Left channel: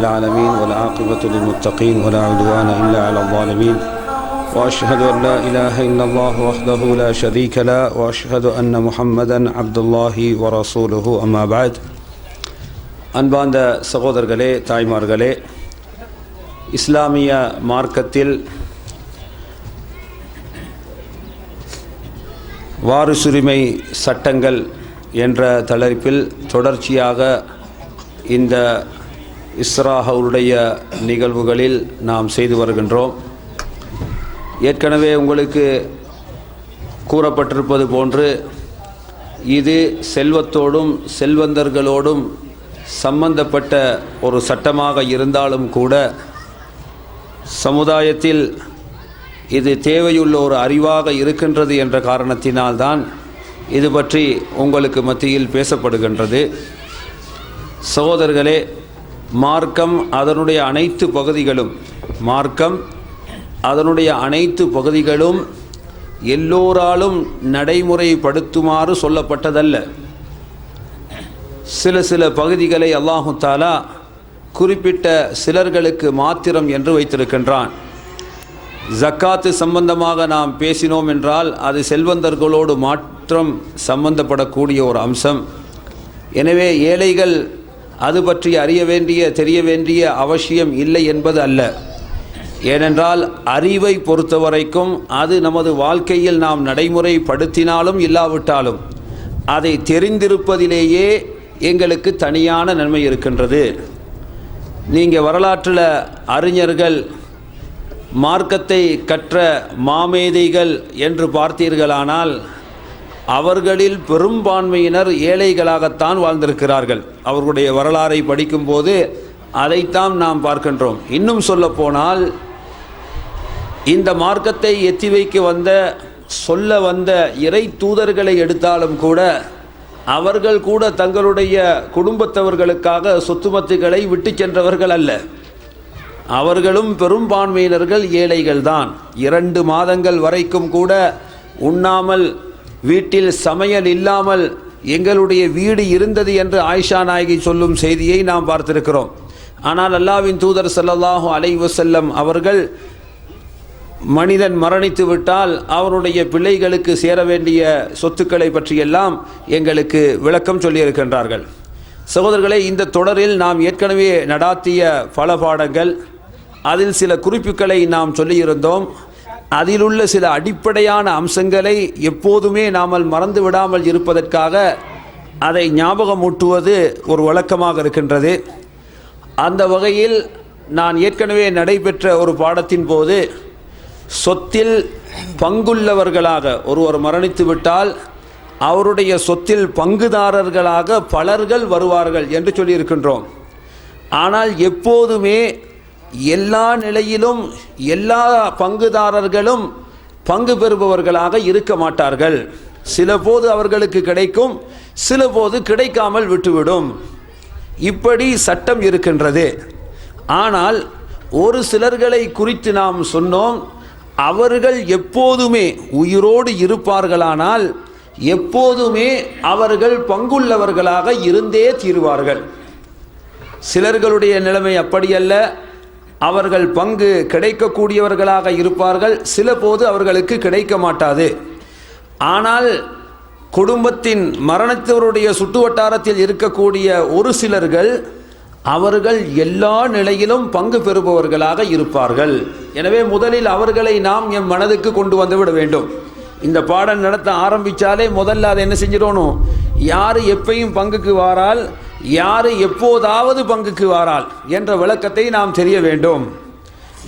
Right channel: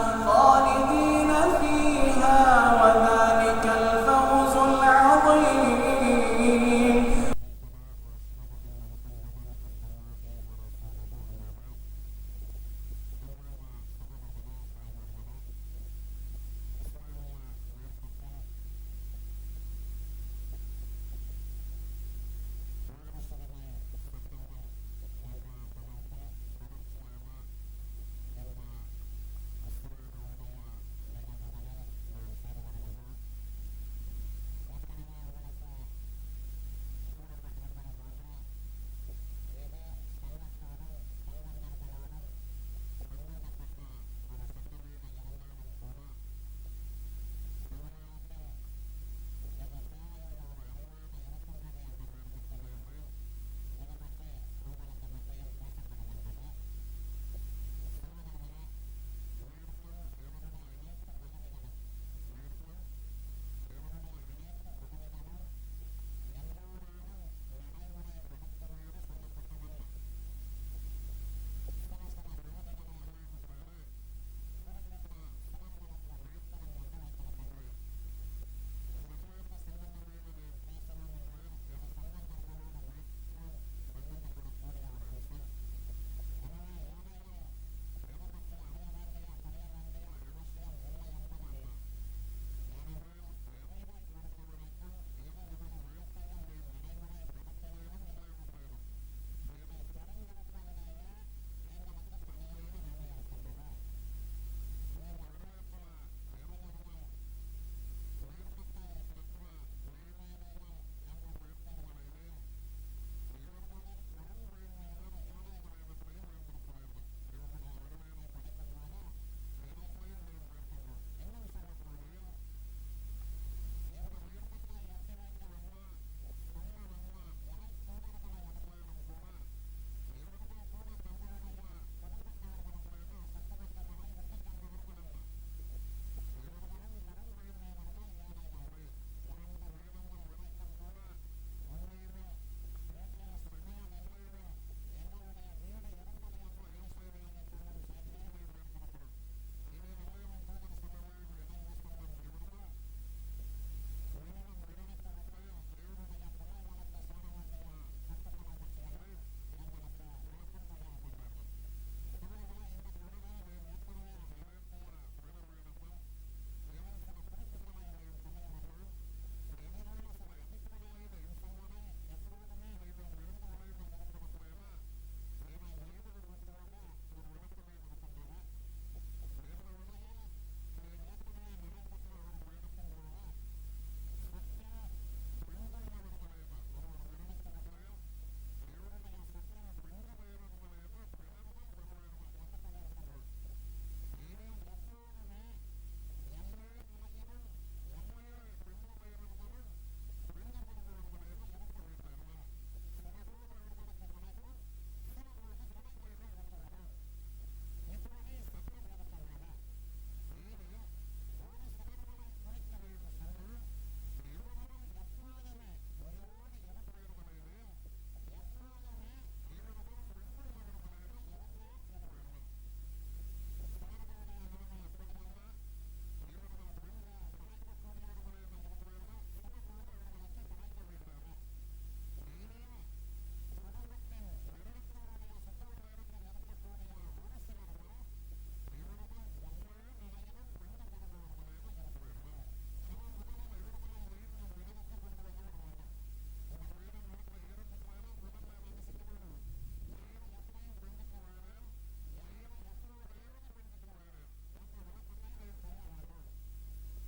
العالمين والعاقبة للمتقين ولا عدوان إلا على الظالمين. وأشهد أن لا إله إلا الله وحده لا شريك له وأشهد أن محمدا عبد الله ورسوله. أما بعد அன்பார்ந்த சகோதரர்களே தாய்மார்களே இஸ்லாமிய மார்க்கத்தில் வாரிசுரிமை சட்டங்கள் என்ற தலைப்பில் தொடர்ச்சியாக இந்த இஸ்ராஹவுடைய நிகழ்வுகளில் நாம் செய்து வருகின்றோம். ஏற்கனவே உங்களுக்கு கூறப்பட்டிருப்பது போன்று இது செல்வத்தோடும் செல்வந்தர்களோடும் சம்பந்தப்பட்ட ஒரு சட்டமாக இருந்தாலும் கூட சமுதாயத்தில் இது தேவையுள்ள ஒரு அறிவாக இருக்கின்றது என்ற காரணத்தினால்தான் இது பற்றி உங்களுக்கு மத்தியில் பேசப்படுகின்றது. சகோதரர்களே மார்க்கம் அதனுடைய அனைத்து பகுதிகளும் மார்க்கம் அதனுடைய அனைத்து பகுதிகளும் எல்லோராலும் நடைமுறைப்படுத்துமாறு சொல்லப்பட்டதல்ல. சில சில பகுதிகளை அல்லாஹு தாலா குறிப்பிட்ட சிலர்களுக்கு மாத்திரம் என்று வைத்திருக்கின்றான். ஜக்காத்து சம்பந்தமாக நாம் பேசினோம் என்றால் அது செல்வந்தர்களோடு மாற்றம் சம்பந்தப்படக்கூடிய ஒரு அம்சம். எனவே ஏழைகள் அது பற்றி அறிய வேண்டிய தெரிய வேண்டிய அவசியம் இல்லை என்பது அல்ல. ஏனென்றால் அறிவை பொறுத்தவரைக்கும் அது நமது வாழ்க்கையில் நாம் நடைமுறைப்படுத்தினாலும் இல்லாவிட்டாலும் அதை தெரிந்திருப்பதிலேயே எங்களுக்கு தனியான நன்மை இருக்கின்றது. நீங்கள் வரலாற்றில் அறிஞர்கள் மார்க்கத்தை கற்ற மாமேதைகள் என்று பார்த்தீர்களானால் அவர்களில் பெரும்பான்மையினர் ஏழைகளாகத்தான் வாழ்ந்திருக்கிறார்கள். அவர்களுடைய வரலாறை படிக்கும்போது அதைத்தான் நாம் பார்க்கின்றோம். இன்னும் சொல்லப்போனால் இந்த மார்க்கத்தை எத்தி வைக்க வந்த சொல்ல வந்த இறை தூதர்களை எடுத்தாலும் கூட அவர்கள் கூட தங்களுடைய குடும்பத்தவர்களுக்காக சொத்துமத்துகளை விட்டு சென்றவர்கள் அல்ல. அவர்களும் பெரும்பான்மையினர்கள் ஏழைகள்தான். இரண்டு மாதங்கள் வரைக்கும் கூட உண்ணாமல் வீட்டில் சமையல் இல்லாமல் எங்களுடைய வீடு இருந்தது என்று ஆயிஷா நாயகி சொல்லும் செய்தியை நாம் பார்த்திருக்கிறோம். ஆனால் அல்லாவின் தூதர் ஸல்லல்லாஹு அலைவசல்லம் அவர்கள் மனிதன் மரணித்து விட்டால் அவருடைய பிள்ளைகளுக்கு சேர வேண்டிய சொத்துக்களை பற்றியெல்லாம் எங்களுக்கு விளக்கம் சொல்லியிருக்கின்றார்கள். சகோதரர்களே இந்த தொடரில் நாம் ஏற்கனவே நடாத்திய பல பாடங்கள் அதில் சில குறிப்புகளை நாம் சொல்லியிருந்தோம். அதிலுள்ள சில அடிப்படையான அம்சங்களை எப்போதுமே நாமல் மறந்து விடாமல் இருப்பதற்காக அதை ஞாபகமூட்டுவது ஒரு வழக்கமாக இருக்கின்றது. அந்த வகையில் நான் ஏற்கனவே நடைபெற்ற ஒரு பாடத்தின் போது சொத்தில் பங்குள்ளவர்களாக ஒருவர் மரணித்து விட்டால் அவருடைய சொத்தில் பங்குதாரர்களாக பலர்கள் வருவார்கள் என்று சொல்லியிருக்கின்றோம். ஆனால் எப்போதுமே எல்லா நிலையிலும் எல்லா பங்குதாரர்களும் பங்கு பெறுபவர்களாக இருக்க மாட்டார்கள். சில போது அவர்களுக்கு கிடைக்கும் சில போது கிடைக்காமல் விட்டுவிடும். இப்படி சட்டம் இருக்கின்றது. ஆனால் ஒரு சிலர்களை குறித்து நாம் சொன்னோம் அவர்கள் எப்போதுமே உயிரோடு இருப்பார்களானால் எப்போதுமே அவர்கள் பங்குள்ளவர்களாக இருந்தே தீருவார்கள். சிலர்களுடைய நிலைமை அப்படியல்ல அவர்கள் பங்கு கிடைக்கக்கூடியவர்களாக இருப்பார்கள். சில போது அவர்களுக்கு கிடைக்க மாட்டாது. ஆனால் குடும்பத்தின் மரணத்தவருடைய சுட்டு வட்டாரத்தில் இருக்கக்கூடிய ஒரு சிலர்கள் அவர்கள் எல்லா நிலையிலும் பங்கு பெறுபவர்களாக இருப்பார்கள். எனவே முதலில் அவர்களை நாம் எம் மனதுக்கு கொண்டு வந்து விட வேண்டும். இந்த பாடம் நடத்த ஆரம்பிச்சாலே முதல்ல அதை என்ன செஞ்சிடணும்? யார் எப்பையும் பங்குக்கு வாரால் யார் எப்போதாவது பங்குக்கு வாரால் என்ற விளக்கத்தை நாம் தெரிய வேண்டும்.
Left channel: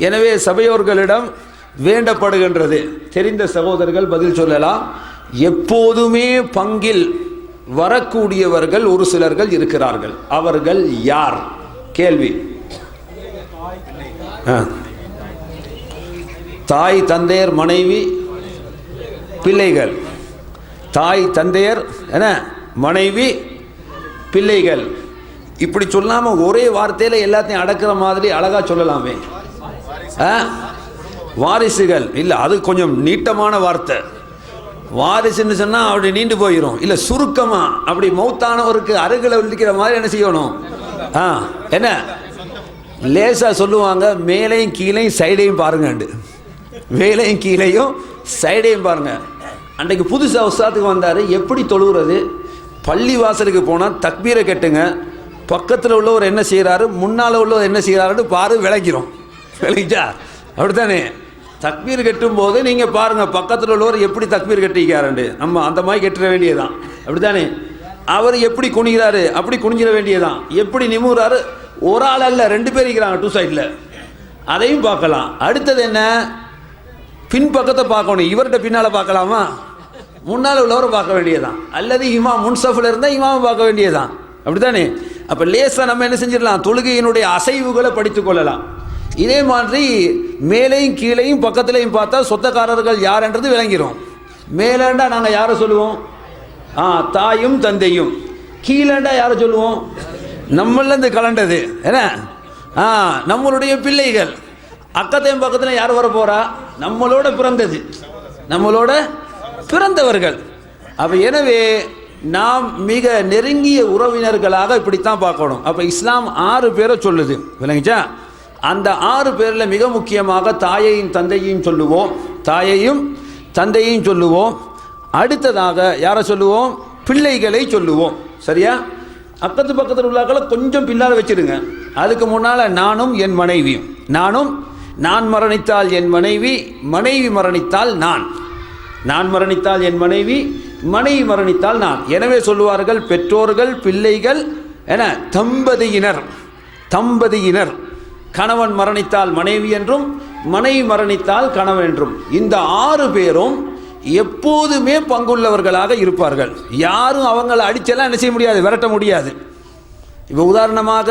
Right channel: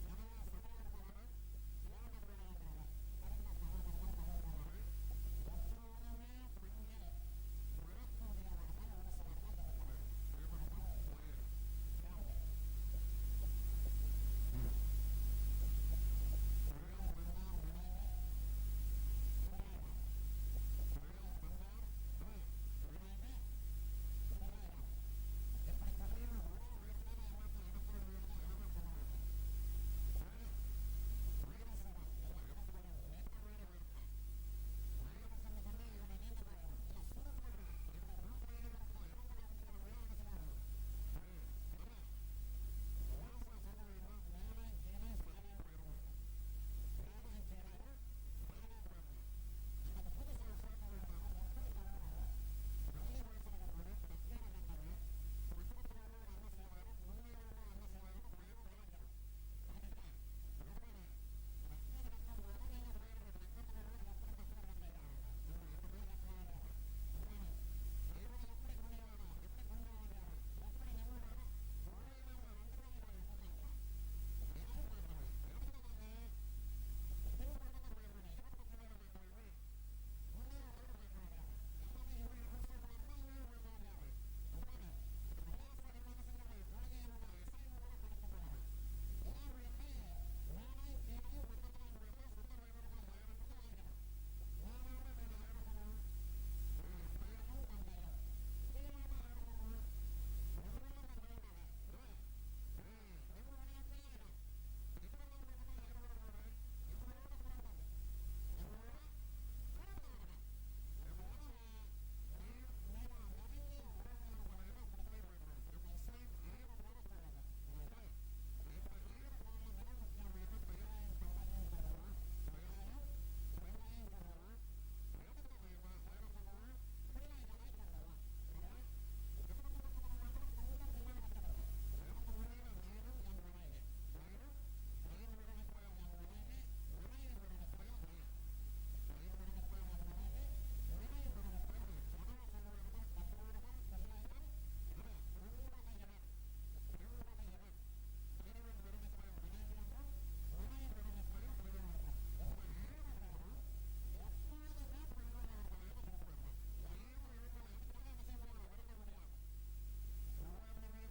எனவே சபையோர்களிடம் வேண்டப்படுகின்றது. தெரிந்த சகோதரர்கள் பதில் சொல்லலாம். எப்போதுமே பங்கில் வரக்கூடியவர்கள் ஒரு சிலர்கள் இருக்கிறார்கள். அவர்கள் யார்? கேள்வி. தாய் தந்தையர் மனைவி பிள்ளைகள். தாய் தந்தையர் என்ன? மனைவி பிள்ளைகள். இப்படி சொல்லாமல் ஒரே வார்த்தையில் எல்லாத்தையும் அடக்கிற மாதிரி அழகாக சொல்லலாமே. ஆ? வாரிசுகள். இல்லை அது கொஞ்சம் நீட்டமான வார்த்தை. வாரிசுன்னு சொன்னால் அப்படி நீண்டு போயிடும் இல்லை சுருக்கமாக அப்படி மௌத்தானவருக்கு அருகில் இருக்கிற மாதிரி என்ன செய்யணும்? ஆ என்ன? லேசாக சொல்லுவாங்க மேலையும் கீழையும் சைடையும் பாருங்கண்டு. மேலையும் கீழையும் சைடையும் பாருங்கள் அன்றைக்கு புதுசாக உஸ்தாத்துக்கு வந்தார். எப்படி தொழுகிறது பள்ளி வாசலுக்கு போனால் தக்பீரை கட்டுங்க. பக்கத்தில் உள்ளவர் என்ன செய்கிறாரு முன்னால் உள்ளவர் என்ன செய்கிறாருன்னு பாரு விளக்கிறோம் விளக்கிட்டா? அப்படித்தானே? தக்பீர் கட்டும் போது நீங்கள் பாருங்கள் பக்கத்தில் உள்ளவர் எப்படி தக்பீர் கட்டிக்காரண்டு நம்ம அந்த மாதிரி கட்டிட வேண்டியதுதான். அப்படித்தானே? அவர் எப்படி குனிகிறாரு? அப்படி குனிஞ்சிட வேண்டியதுதான். எப்படி நிமுறாரு ஒரு ஆள் அல்ல ரெண்டு பேர் இருக்கிறாங்க டூ சைடில் அதையும் பார்க்கலாம். அடுத்தது என்ன? பின்பக்கத்தை பார்க்கணும். இவர்கிட்ட பின்னால் பார்க்கலாமா? முன்னால் உள்ளவரை பார்க்க வேண்டியதுதான். அல்லது இமா முன்சஃபில் இருந்தால் இமாமை பார்க்க வேண்டியதுதான். அப்படித்தானே? அப்போ லேசாக நம்ம என்ன செஞ்சிடலாம்? தொழுகையினுடைய அசைவுகளை படித்து கொள்ளலாம். இதே மாதிரி மேலையும் கீழேயும் பக்கத்துலையும் பார்த்தா சொத்தக்காரர்கள் யாருன்றது விளங்கிடும் மேலேண்டா நாங்கள் யாரை சொல்லுவோம்? ஆ தாயும் தந்தையும். கீழேண்டா யாரை சொல்லுவோம்? நம்மளேருந்து கலண்டது. என்ன? ஆ நம்மளுடைய பிள்ளைகள். அக்கத்தையும் பக்கத்தில் யார் வர போகிறா நம்மளோட பிறந்தது. நம்மளோட பிறந்தவர்கள். அப்போ எனவே நாம் மிக நெருங்கிய உறவினர்களாக இப்படித்தான் பார்க்கணும். அப்போ இஸ்லாம் ஆறு பேரை சொல்லுது. விளங்கிச்சா? அந்த ஆறு பேரில் மிக முக்கியமாக தாயையும் தந்தையும் சொல்லுவோம். தாயையும் தந்தையும் சொல்லுவோம். அடுத்ததாக யாரை சொல்லுவோம்? பிள்ளைகளை சொல்லுவோம். சரியா? அக்கத்து பக்கத்தில் உள்ளாக்களை கொஞ்சம் பின்னால் வச்சிருங்க. அதுக்கு முன்னால் நானும் என் மனைவியும். நானும் நான் மரணித்தால் என் மனைவி மனைவி மரணித்தால் நான். நான் மரணித்தால் என் மனைவி மனைவி மரணித்தால் நான். எனவே சொல்லுவார்கள் பெற்றோர்கள் பிள்ளைகள் என தம்பதியினர் தம்பதியினர். கணவன் மரணித்தால் மனைவி என்றும் மனைவி மரணித்தால் கணவன் என்றும். இந்த ஆறு பேரும் எப்போதுமே பங்குள்ளவர்களாக இருப்பார்கள். யாரும் அவங்களை அடிச்செல்லாம் என்ன செய்ய முடியாது விரட்ட முடியாது. இப்போ உதாரணமாக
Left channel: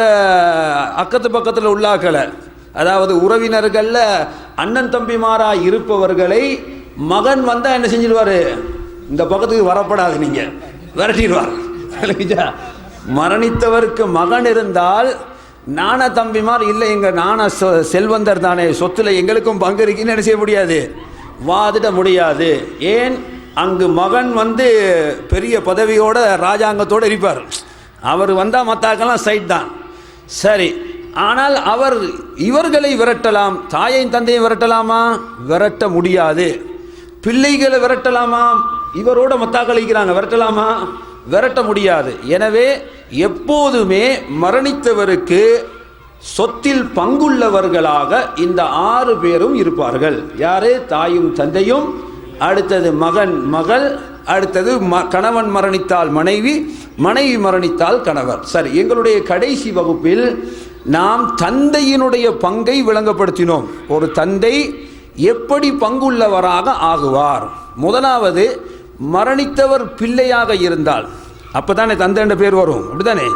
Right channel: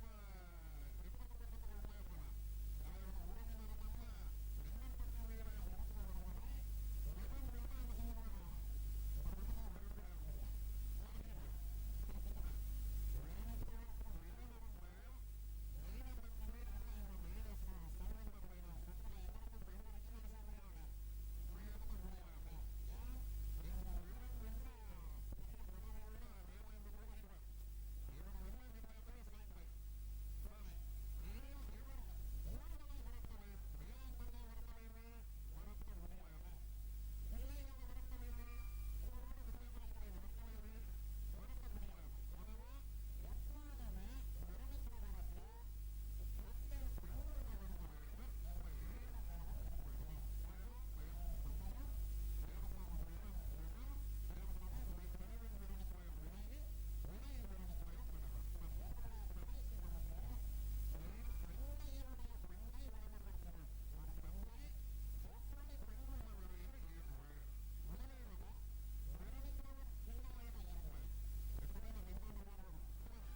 அக்கத்து பக்கத்தில் உள்ளாக்களை அதாவது உறவினர்களில் அண்ணன் தம்பிமாராக இருப்பவர்களை மகன் வந்தால் என்ன செஞ்சிடுவார் இந்த பக்கத்துக்கு வரப்படாது நீங்கள் விரட்டிடுவார். மரணித்தவருக்கு மகன் இருந்தால் நான தம்பிமார் இல்லை எங்கள் நான செல்வந்தர் தானே. சொத்தில் எங்களுக்கும் பங்கு இருக்குன்னு என்ன செய்ய முடியாது? வாதிட முடியாது. ஏன்? அங்கு மகன் வந்து பெரிய பதவியோட ராஜாங்கத்தோடு இருப்பார். அவர் வந்தால் மத்தாக்கெல்லாம் சைட் தான். சரி. ஆனால் அவர் இவர்களை விரட்டலாம். தாயையும் தந்தையும் விரட்டலாமா? விரட்ட முடியாது. பிள்ளைகளை விரட்டலாமா? இவரோட மத்தாக்களிக்கிறாங்க. விரட்டலாமா? விரட்ட முடியாது. எனவே எப்போதுமே மரணித்தவருக்கு சொத்தில் பங்குள்ளவர்களாக இந்த ஆறு பேரும் இருப்பார்கள். யாரு? தாயும் தந்தையும். அடுத்தது மகன் மகள். அடுத்தது ம கணவன் மரணித்தால் மனைவி மனைவி மரணித்தால் கணவர். சரி எங்களுடைய கடைசி வகுப்பில் நாம் தந்தையினுடைய பங்கை விளங்கப்படுத்தினோம். ஒரு தந்தை எப்படி பங்குள்ளவராக ஆகுவார்? முதலாவது மரணித்தவர் பிள்ளையாக இருந்தால். அப்பதானே தந்தை என்ற பேர் வரும். அப்படிதானே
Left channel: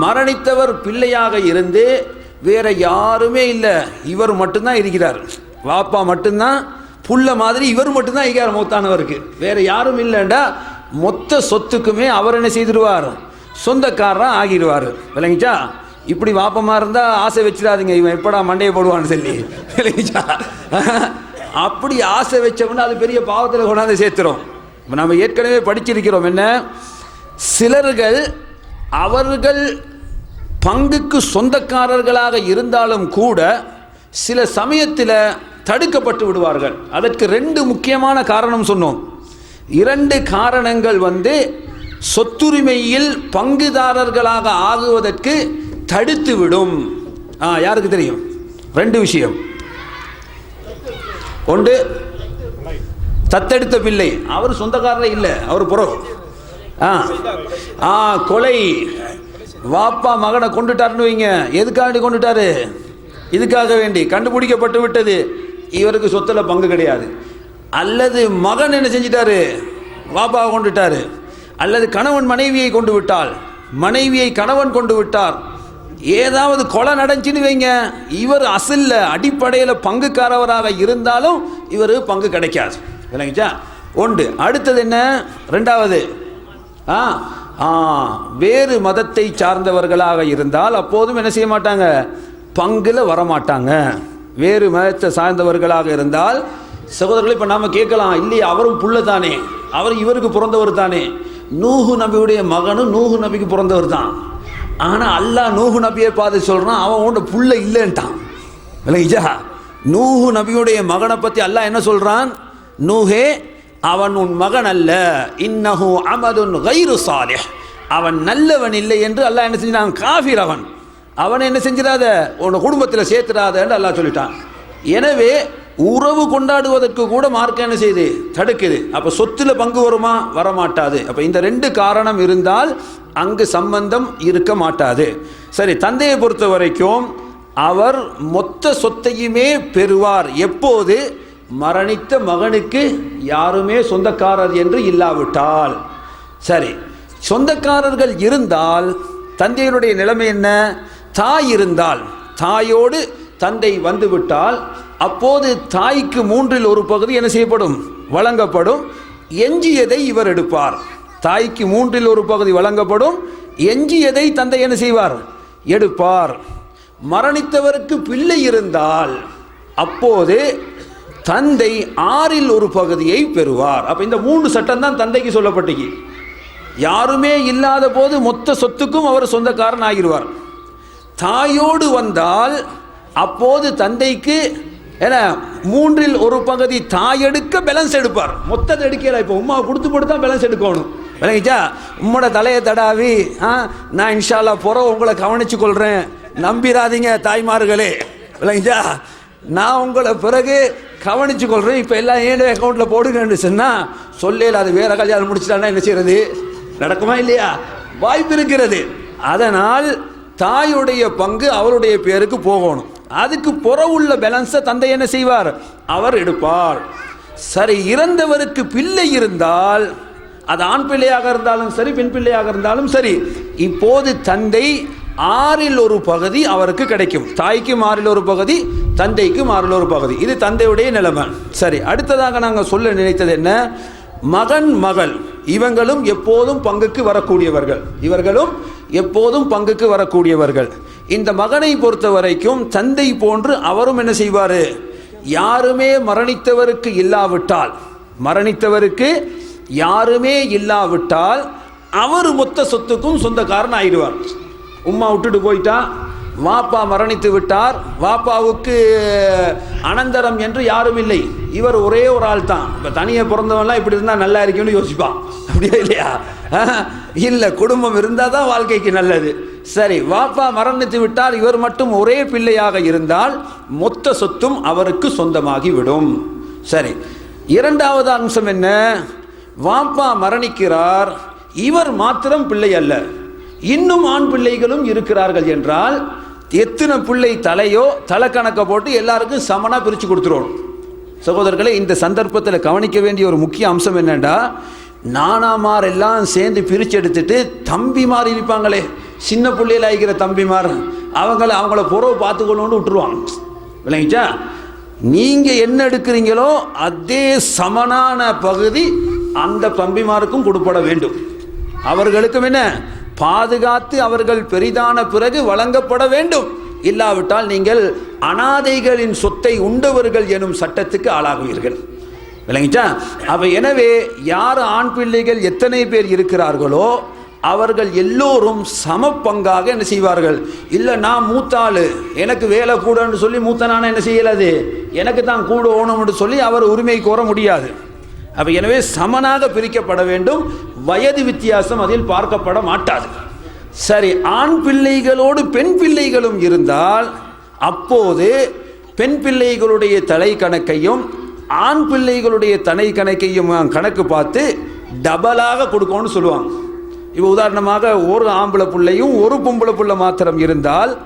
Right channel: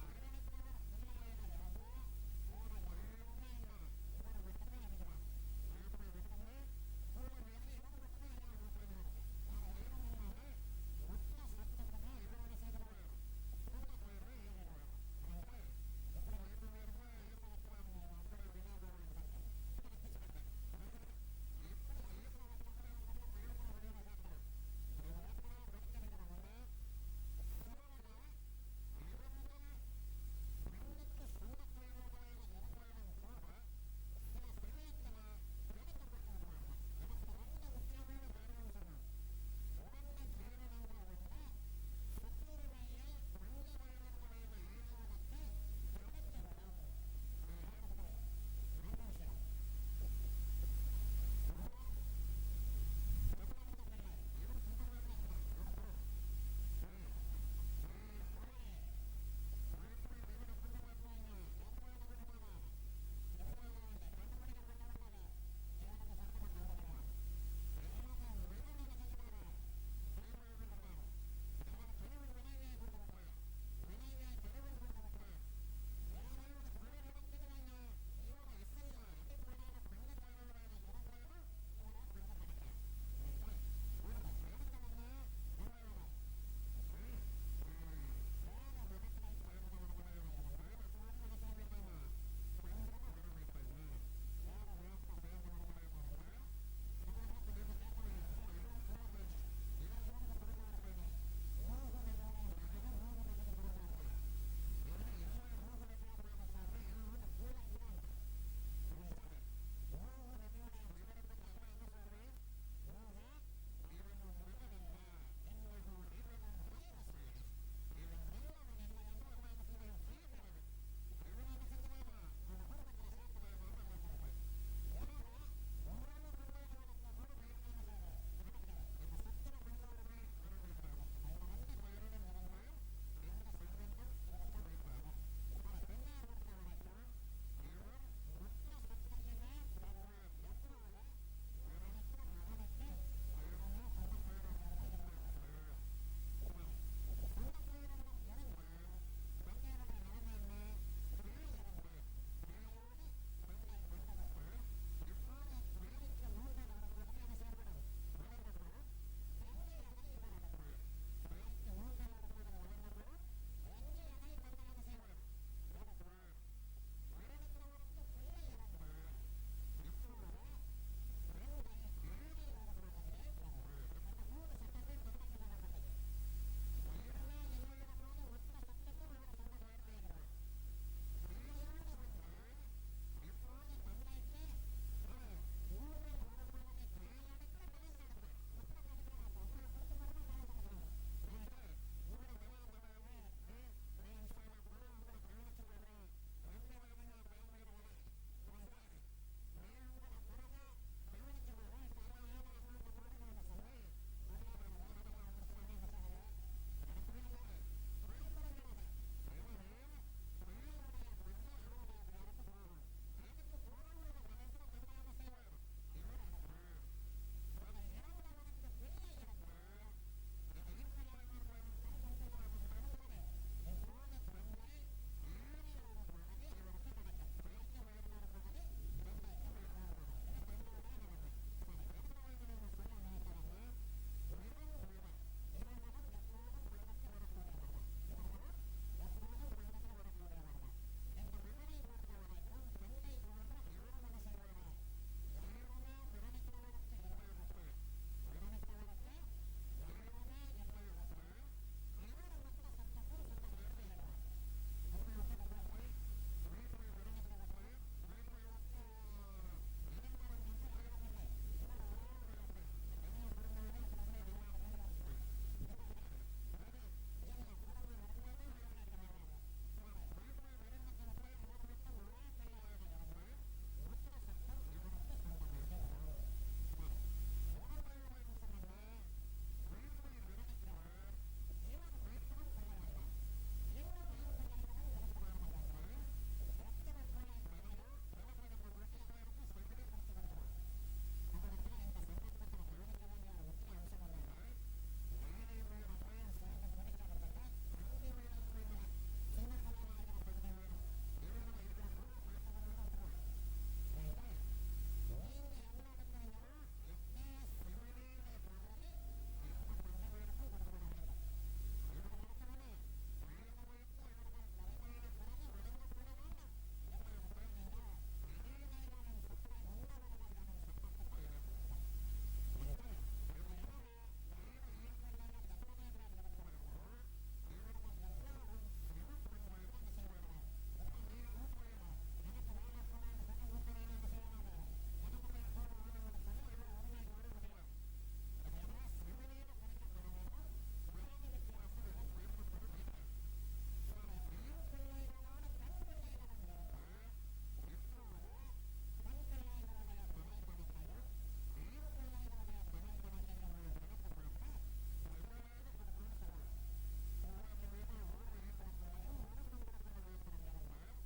மரணித்தவர் பிள்ளையாக இருந்து வேற யாருமே இல்லை. இவர் மட்டும்தான் இருக்கிறார். வாப்பா மட்டும்தான் புள்ள மாதிரி இவர் மட்டும்தான் இருக்கிறார் மூத்தானவருக்கு. வேற யாரும் இல்லைண்டா மொத்த சொத்துக்குமே அவர் என்ன செய்திருவார்? சொந்தக்காரராக ஆகிடுவார். விளங்கிச்சா? இப்படி வாப்பமாக இருந்தால் ஆசை வச்சிடாதீங்க. இவன் எப்படா மண்டையை போடுவான்னு சொல்லி. இல்லைங்களா? அப்படி ஆசை வச்சோம்னா அது பெரிய பாவத்தில் கொண்டாந்து சேர்த்துறோம் இப்போ நம்ம ஏற்கனவே படிச்சிருக்கிறோம். என்ன? சிலர்கள் அவர்கள் பங்குக்கு சொந்தக்காரர்களாக இருந்தாலும் கூட சில சமயத்தில் தடுக்கப்பட்டு விடுவார்கள். அதற்கு ரெண்டு முக்கியமான காரணம் சொன்னோம். இரண்டு காரணங்கள் வந்து சொத்துரிமையில் பங்குதாரர்களாக ஆகுவதற்கு தடுத்து விடும் ஆ யாருக்கு தெரியும்? ரெண்டு விஷயம். ஒன்று தத்தெடுத்த பிள்ளை. அவர் சொந்தக்காரரே இல்லை அவர் புறம் ஆ ஆ கொலை. வாப்பா மகனை கொண்டுட்டாருன்னு வைங்க. எதுக்காண்டி கொண்டுட்டாரு? இதுக்காக வேண்டி. கண்டுபிடிக்கப்பட்டு விட்டது. இவருக்கு சொத்தில் பங்கு கிடையாது. அல்லது மகன் என்ன செஞ்சிட்டாரு? வாப்பாவை கொண்டுட்டாரு. அல்லது கணவன் மனைவியை கொண்டு விட்டால். மனைவியை கணவன் கொண்டு விட்டார். ஏதாவது கொலை நடந்துச்சுன்னு வைங்க. இவர் அசல்ல அடிப்படையில் பங்குக்காரவராக இருந்தாலும் இவர் பங்கு கிடைக்காது. விளங்கிச்சா ஒன்று. அடுத்தது என்ன? ரெண்டாவது. ஆ ஆ வேறு மதத்தை சார்ந்தவர்களாக இருந்தால் அப்போதும் என்ன செய்ய மாட்டாங்க? பங்கில் வரமாட்டாங்க. வேறு மதத்தை சார்ந்தவர்களாக இருந்தால் சகோதரர்களை இப்போ நாம் கேட்கலாம். இல்லையே அவரும் புள்ள தானே. அவர் இவருக்கு பிறந்தவர் தானே. நூகு நபியுடைய மகனும் நூகு நபிக்கு பிறந்தவர் தான். ஆனால் அல்லாஹ் நூஹு நபியை பார்த்து சொல்கிறான் அவன் உன்ட புள்ள இல்லைன்ட்டான். விளங்கிச்சா நூஹு நபியுடைய மகனை பற்றி அல்லாஹ் என்ன சொல்கிறான் நூஹே அவன் உன் மகன் அல்ல. இன்னஹு அமதுன் கைரு சாலே அவன் நல்லவன் இல்லை என்று அல்லாஹ் என்ன செஞ்சான் காஃபிர் அவன். அவனை என்ன செஞ்சிடாத? உன் குடும்பத்தில் சேர்த்துடாதன்னு அல்லாஹ் சொல்லிட்டான். எனவே உறவு கொண்டாடுவதற்கு கூட மார்க்கம் என்ன செய்யுது தடுக்குது. அப்போ சொத்தில் பங்கு வருமா? வரமாட்டாது. அப்போ இந்த ரெண்டு காரணம் இருந்தால் அங்கு சம்பந்தம் இருக்க மாட்டாது. சரி தந்தையை பொறுத்த வரைக்கும் அவர் மொத்த சொத்தையுமே பெறுவார். எப்போது? மரணித்த மகனுக்கு யாருமே சொந்தக்காரர் என்று இல்லாவிட்டால். சரி சொந்தக்காரர்கள் இருந்தால் தந்தையினுடைய நிலைமை என்ன? தாய் இருந்தால். தாயோடு தந்தை வந்துவிட்டால் அப்போது தாய்க்கு மூன்றில் ஒரு பகுதி என்ன செய்யப்படும்? வழங்கப்படும். எஞ்சியதை இவர் எடுப்பார். தாய்க்கு மூன்றில் ஒரு பகுதி வழங்கப்படும். எஞ்சியதை தந்தை என்ன செய்வார்? எடுப்பார். மரணித்தவருக்கு பிள்ளை இருந்தால் அப்போது தந்தை ஆறில் ஒரு பகுதியை பெறுவார். அப்போ இந்த மூன்று சட்டம் தான் தந்தைக்கு சொல்லப்பட்டுச்சு யாருமே இல்லாத போது மொத்த சொத்துக்கும் அவர் சொந்தக்காரன் ஆகிடுவார். தாயோடு வந்தால் அப்போது தந்தைக்கு ஏன்னா மூன்றில் ஒரு பகுதி தாய் எடுக்க பேலன்ஸ் எடுப்பார். மொத்தத்தை எடுக்கல இப்போ உமா கொடுத்து போட்டு தான் பேலன்ஸ் எடுக்கணும். விளங்கிச்சா? உம்மோட தலையை தடாவி ஆ நான் இன்ஷால்லா புற உங்களை கவனித்து கொள்கிறேன் நம்பிராதீங்க தாய்மார்களே. விளங்கிச்சா? நான் உங்களை பிறகு கவனித்து கொள்கிறேன் இப்போ எல்லாம் ஏன் அக்கௌண்ட்டில் போடுங்கன்னு சொன்னால் சொல்லல அது வேற கல்யாணம் முடிச்சிட்டானா என்ன செய்யறது? நடக்குமா இல்லையா? வாய்ப்பு இருக்கிறது. அதனால் தாயுடைய பங்கு அவருடைய பேருக்கு போகணும். அதுக்கு புற உள்ள பேலன்ஸை தந்தை என்ன செய்வார்? அவர் எடுப்பார். சரி இறந்தவருக்கு பிள்ளை இருந்தால் அது ஆண் பிள்ளையாக இருந்தாலும் சரி பெண் பிள்ளையாக இருந்தாலும் சரி இப்போது தந்தை ஆறில் ஒரு பகுதி அவருக்கு கிடைக்கும். தாய்க்கு ஆறில் ஒரு பகுதி தந்தைக்கு ஆறில் ஒரு பகுதி. இது தந்தையுடைய நிலைமை. சரி அடுத்ததாக நாங்கள் சொல்ல நினைத்தது என்ன? மகன் மகள் இவங்களும் எப்போதும் பங்குக்கு வரக்கூடியவர்கள். இவர்களும் எப்போதும் பங்குக்கு வரக்கூடியவர்கள். இந்த மகனை பொறுத்த வரைக்கும் தந்தை போன்று அவரும் என்ன செய்வார்? யாருமே மரணித்தவருக்கு இல்லாவிட்டால் மரணித்தவருக்கு யாருமே இல்லாவிட்டால் அவர் மொத்த சொத்துக்கும் சொந்தக்காரன் ஆயிடுவார். உம்மா விட்டுட்டு போயிட்டா வாப்பா மரணித்து விட்டார் வாப்பாவுக்கு அனந்தரம் என்று யாரும் இல்லை. இவர் ஒரே ஒரு ஆள் தான். இப்போ தனியாக பிறந்தவன்லாம் இப்படி இருந்தால் நல்லா இருக்கும்னு யோசிப்பான். அப்படியே இல்லையா? இல்லை குடும்பம் இருந்தால் தான் வாழ்க்கைக்கு நல்லது. சரி வாப்பா மரணித்து விட்டால் இவர் மட்டும் ஒரே பிள்ளையாக இருந்தால் மொத்த சொத்தும் அவருக்கு சொந்தமாகி விடும் சரி இரண்டாவது அம்சம் என்ன? வாப்பா மரணிக்கிறார் இவர் மாத்திரம் பிள்ளை அல்ல. இன்னும் ஆண் பிள்ளைகளும் இருக்கிறார்கள் என்றால் எத்தனை பிள்ளை தலையோ தலை கணக்கை போட்டு எல்லாருக்கும் சமனாக பிரித்து கொடுத்துருவோம். சகோதரர்களை இந்த சந்தர்ப்பத்தில் கவனிக்க வேண்டிய ஒரு முக்கிய அம்சம் என்னென்னா நானாமார் எல்லாம் சேர்ந்து பிரித்து எடுத்துட்டு தம்பிமார் இருப்பாங்களே. சின்ன பிள்ளையில் ஆகிக்கிற தம்பிமார் அவங்கள அவங்கள புறவு பார்த்துக்கணுன்னு விட்டுருவாங்க. விளங்கிச்சா? நீங்கள் என்ன எடுக்கிறீங்களோ அதே சமனான பகுதி அந்த தம்பிமாருக்கும் கொடுப்பட வேண்டும். அவர்களுக்கும் என்ன? பாதுகாத்து அவர்கள் பெரிதான பிறகு வழங்கப்பட வேண்டும். இல்லாவிட்டால் நீங்கள் அனாதைகளின் சொத்தை உண்டவர்கள் எனும் சட்டத்துக்கு ஆளாகுவீர்கள். விளங்கிச்சா? அப்போ எனவே யார் ஆண் பிள்ளைகள் எத்தனை பேர் இருக்கிறார்களோ அவர்கள் எல்லோரும் சம பங்காக என்ன செய்வார்கள்? இல்லை நான் மூத்தாள் எனக்கு வேலை கூடன்னு சொல்லி மூத்தனான என்ன செய்யலாது? எனக்கு தான் கூட ஓணும்னு சொல்லி அவர் உரிமை கோர முடியாது. அப்போ எனவே சமனாக பிரிக்கப்பட வேண்டும். வயது வித்தியாசம் அதில் பார்க்கப்பட மாட்டாது. சரி ஆண் பிள்ளைகளோடு பெண் பிள்ளைகளும் இருந்தால் அப்போது பெண் பிள்ளைகளுடைய தலை கணக்கையும் ஆண் பிள்ளைகளுடைய தனை கணக்கையும் கணக்கு பார்த்து டபலாக கொடுக்கணும்னு சொல்லுவாங்க. இப்போ உதாரணமாக ஒரு ஆம்பளை பிள்ளையும் ஒரு பொம்பளை பிள்ளை மாத்திரம் இருந்தால்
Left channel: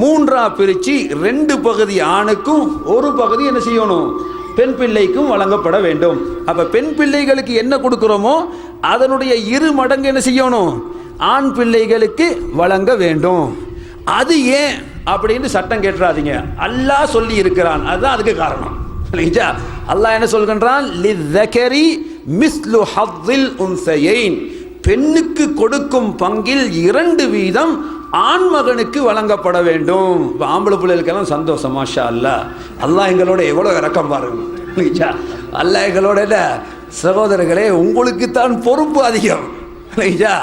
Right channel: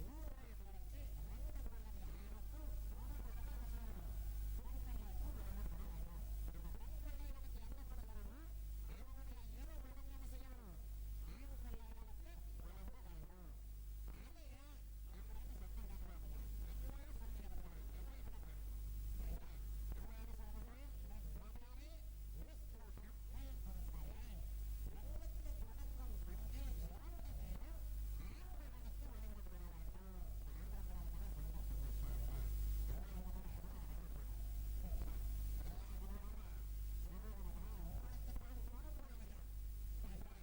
மூன்றா பிரித்து ரெண்டு பகுதி ஆணுக்கும் ஒரு பகுதி என்ன செய்யணும்? பெண் பிள்ளைக்கும் வழங்கப்பட வேண்டும். அப்போ பெண் பிள்ளைகளுக்கு என்ன கொடுக்குறோமோ அதனுடைய இரு மடங்கு என்ன செய்யணும்? ஆண் பிள்ளைகளுக்கு வழங்க வேண்டும். அது ஏன்? அப்படின்னு சட்டம் கேட்டுறாதீங்க. அல்லாஹ் சொல்லி இருக்கிறான். அதுதான் அதுக்கு காரணம். இல்லைங்களா அல்லாஹ் என்ன சொல்கின்றான்? லிதகரி மிஸ்லு ஹத்தில் உன்சையின். பெண்ணுக்கு கொடுக்கும் பங்கில் இரண்டு வீதம் ஆண்மகனுக்கு வழங்கப்பட வேண்டும். ஆம்பளை பிள்ளைகளுக்கெல்லாம் சந்தோஷம் மாஷா அல்ல அல்லாஹ் எங்களோட எவ்வளோ இறக்கம் பாருங்க. இல்லைங்களா அல்லாஹ் எங்களோட சகோதரர்களே உங்களுக்கு தான் பொறுப்பு அதிகம். இல்லைங்களா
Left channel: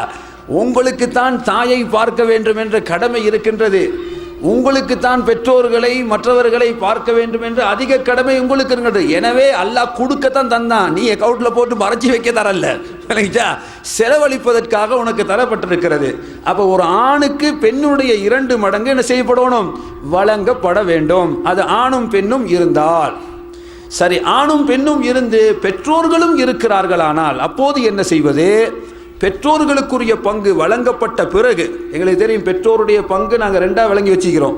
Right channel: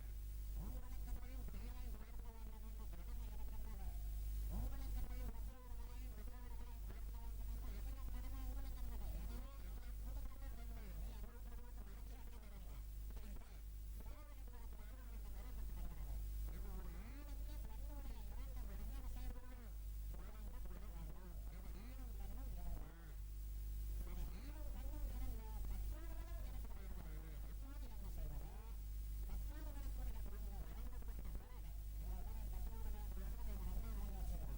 உங்களுக்கு தான் தாயை பார்க்க வேண்டும் என்ற கடமை இருக்கின்றது. உங்களுக்கு தான் பெற்றோர்களை மற்றவர்களை பார்க்க வேண்டும் என்று அதிக கடமை உங்களுக்கு இருக்கிறது எனவே அல்லாஹ் கொடுக்கத்தான் தந்தான். நீ அக்கௌண்ட்ல போட்டு மறைச்சி வைக்க தரல இல்லைங்களா? செலவழிப்பதற்காக உனக்கு தரப்பட்டிருக்கிறது. அப்போ ஒரு ஆணுக்கு பெண்ணுடைய இரண்டு மடங்கு என்ன செய்யப்படணும்? வழங்கப்பட வேண்டும். அது ஆணும் பெண்ணும் இருந்தால். சரி ஆணும் பெண்ணும் இருந்து பெற்றோர்களும் இருக்கிறார்களானால் அப்போது என்ன செய்வது? பெற்றோர்களுக்குரிய பங்கு வழங்கப்பட்ட பிறகு எங்களுக்கு தெரியும் பெற்றோருடைய பங்கு நாங்கள் ரெண்டாக விளங்கி வச்சுக்கிறோம்.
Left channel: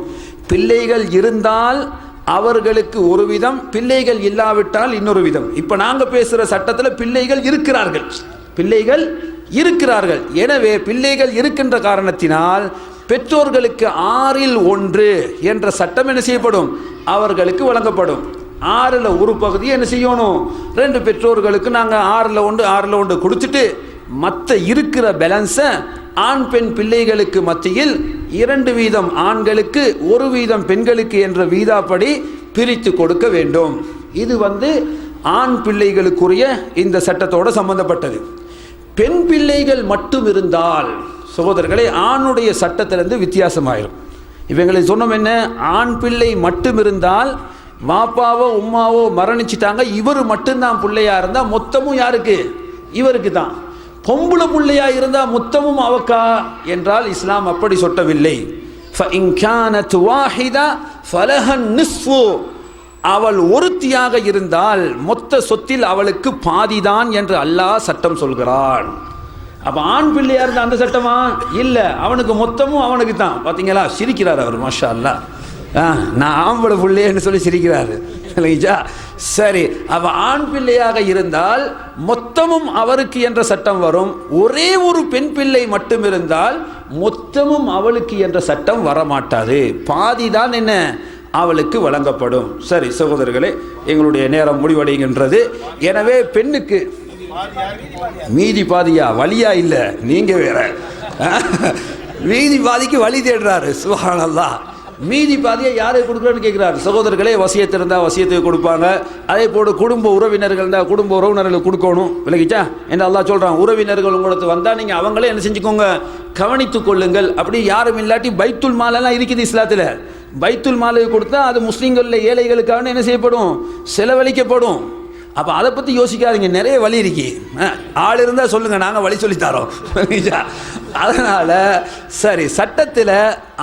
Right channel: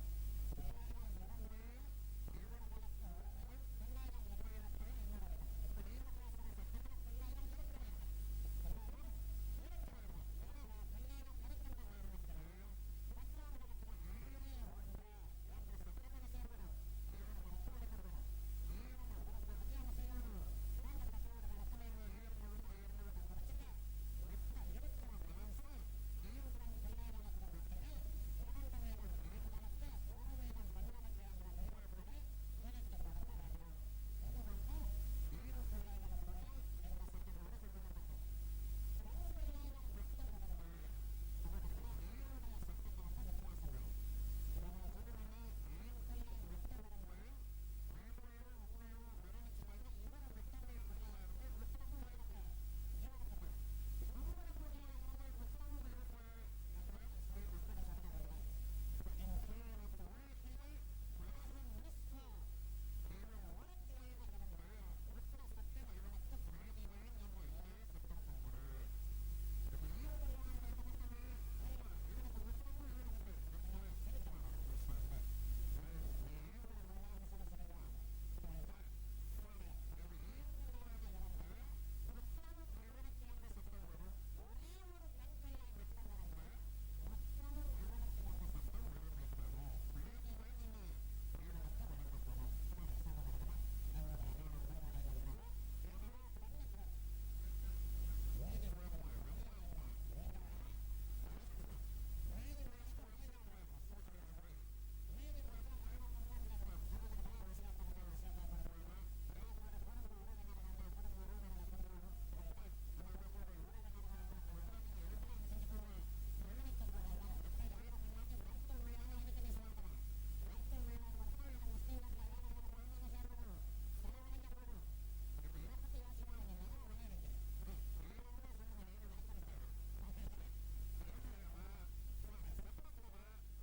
பிள்ளைகள் இருந்தால் அவர்களுக்கு ஒரு விதம் பிள்ளைகள் இல்லாவிட்டால் இன்னொரு விதம். இப்போ நாங்கள் பேசுகிற சட்டத்தில் பிள்ளைகள் இருக்கிறார்கள். பிள்ளைகள் இருக்கிறார்கள். எனவே பிள்ளைகள் இருக்கின்ற காரணத்தினால் பெற்றோர்களுக்கு ஆறில் ஒன்று என்ற சட்டம் என்ன செய்யப்படும்? அவர்களுக்கு வழங்கப்படும். ஆறில் ஒரு பகுதி என்ன செய்யணும்? ரெண்டு பெற்றோர்களுக்கு நாங்கள் ஆறில் ஒன்று ஆறில் ஒன்று கொடுத்துட்டு மற்ற இருக்கிற பேலன்ஸை ஆண் பெண் பிள்ளைகளுக்கு மத்தியில் இரண்டு வீதம் ஆண்களுக்கு ஒரு வீதம் பெண்களுக்கு என்ற வீதாப்படி பிரித்து கொடுக்க வேண்டும். இது வந்து ஆண் பிள்ளைகளுக்குரிய இந்த சட்டத்தோட சம்பந்தப்பட்டது. பெண் பிள்ளைகள் மட்டும் இருந்தால் சகோதரர்களே ஆணுடைய சட்டத்திலிருந்து வித்தியாசமாயிரும். இவங்களை சொன்னோம் என்ன? ஆண் பிள்ளை மட்டும் இருந்தால் மாப்பாவோ உம்மாவோ மரணிச்சிட்டாங்க. இவர் மட்டும்தான் பிள்ளையாக இருந்தால் மொத்தமும் யாருக்கு? இவருக்கு தான் பொம்புளை பிள்ளையா இருந்தால் முத்தமும் அவக்கா என்றால் இஸ்லாம் அப்படி சொட்டவில்லை. அவள் ஒருத்தியாக இருந்தால் மொத்த சொத்தில் அவளுக்கு பாதிதான் என்று அல்லாஹ் சட்டம் சொல்கிறான். அப்போ ஆண் பிள்ளையா இருந்தால் அந்த சட்டமா? இல்லை. அவனுக்கு மொத்தமும் அவனுக்கு தான் பார்த்தீங்களா சிரிக்கிறார் அவர் மாஷா அல்லா ஆ, நான் ஆம்பளை பிள்ளைன்னு சொல்லி சிரிக்கிறாரு. இல்லைங்களா? சரி அவ ஆண் பிள்ளையாக இருந்தால் மொத்தமும் அவருக்கு என்ற சட்டம் வரும். ஒரே ஒரு பெண் பிள்ளை மட்டும் இருந்தால் மொத்தமும் அவளுக்கு என்ற சட்டம் வரமாட்டாது. பாதி தான் என்ன? அவளுக்கு வழங்கப்படும். சரி சகோதரர்களே எங்களுடைய நேரம் முடிவடைகின்றது. எனவே பெண்ணுக்கு மீதி பாதியா? வழியா இல்லை? நீங்க வேற. மீதி பாதிக்கு வழி தேடுறாரு. சுபஹானல்லா மீதி பாதியை யாரை கொடுக்குறேன்னு கேட்குறாரு சகோதரர்களே வசியத்து இருந்தால் வசியத்தை கொடுப்பாங்க. அதே போல குடும்ப உறவினர்கள் இருந்தால் குடும்ப உறவினர்களுக்கு கொடுக்கணும். விலகிச்சா என்ன அல்லாஹ் சொல்கிறான் உறவினர்கள் உங்களுக்கு வந்தால் நீங்கள் அவங்களே என்ன செஞ்சுக்கோங்க. கவனித்து கொள்ளுங்கள். அப்படி யாரும் இல்லாட்டி பைத்துல் மாலெல்லாம் இருக்குது இஸ்லாத்தில். பைத்துல் மாலை கொடுத்தா அது முஸ்லீம்களில் ஏழைகளுக்காக என்ன செய்யப்படும்? செலவழிக்கப்படும். அப்போ அதை பற்றி யோசிக்காதீங்க நிறைய வழி இருக்கு. ஆள் இருந்தால் சொல்லுங்கள் நாங்கள் வழி சொல்லித்தரோம் அதனால் சரி சட்டத்தில்